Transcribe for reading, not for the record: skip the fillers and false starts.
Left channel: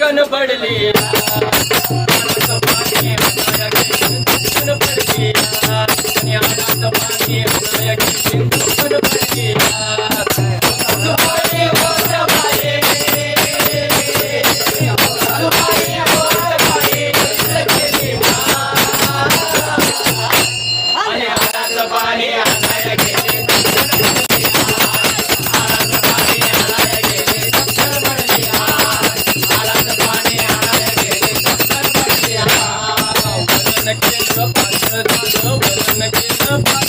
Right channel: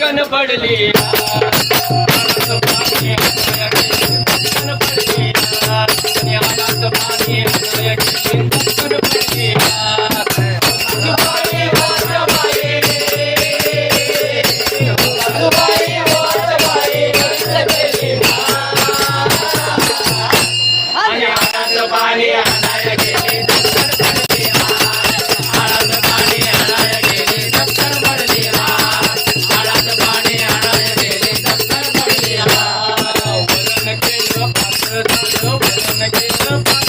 धडकन पडली हाडाचं पाणी हातोया गेली धडकन पडली आणि हाडाचं पाणी हातोया गेली धडकन पडली आजोबाई वाजबाई आजोबाई वाजबाई कसं केली आणि हाडाचं पाणी हाताया गेले धडकन पडली हाडाचं पाणी हाताया गेले धडकन पडली हाडाचं पाणी हाताया गेले धडकन पडली वरून केलं पातळ झालं वरून केलं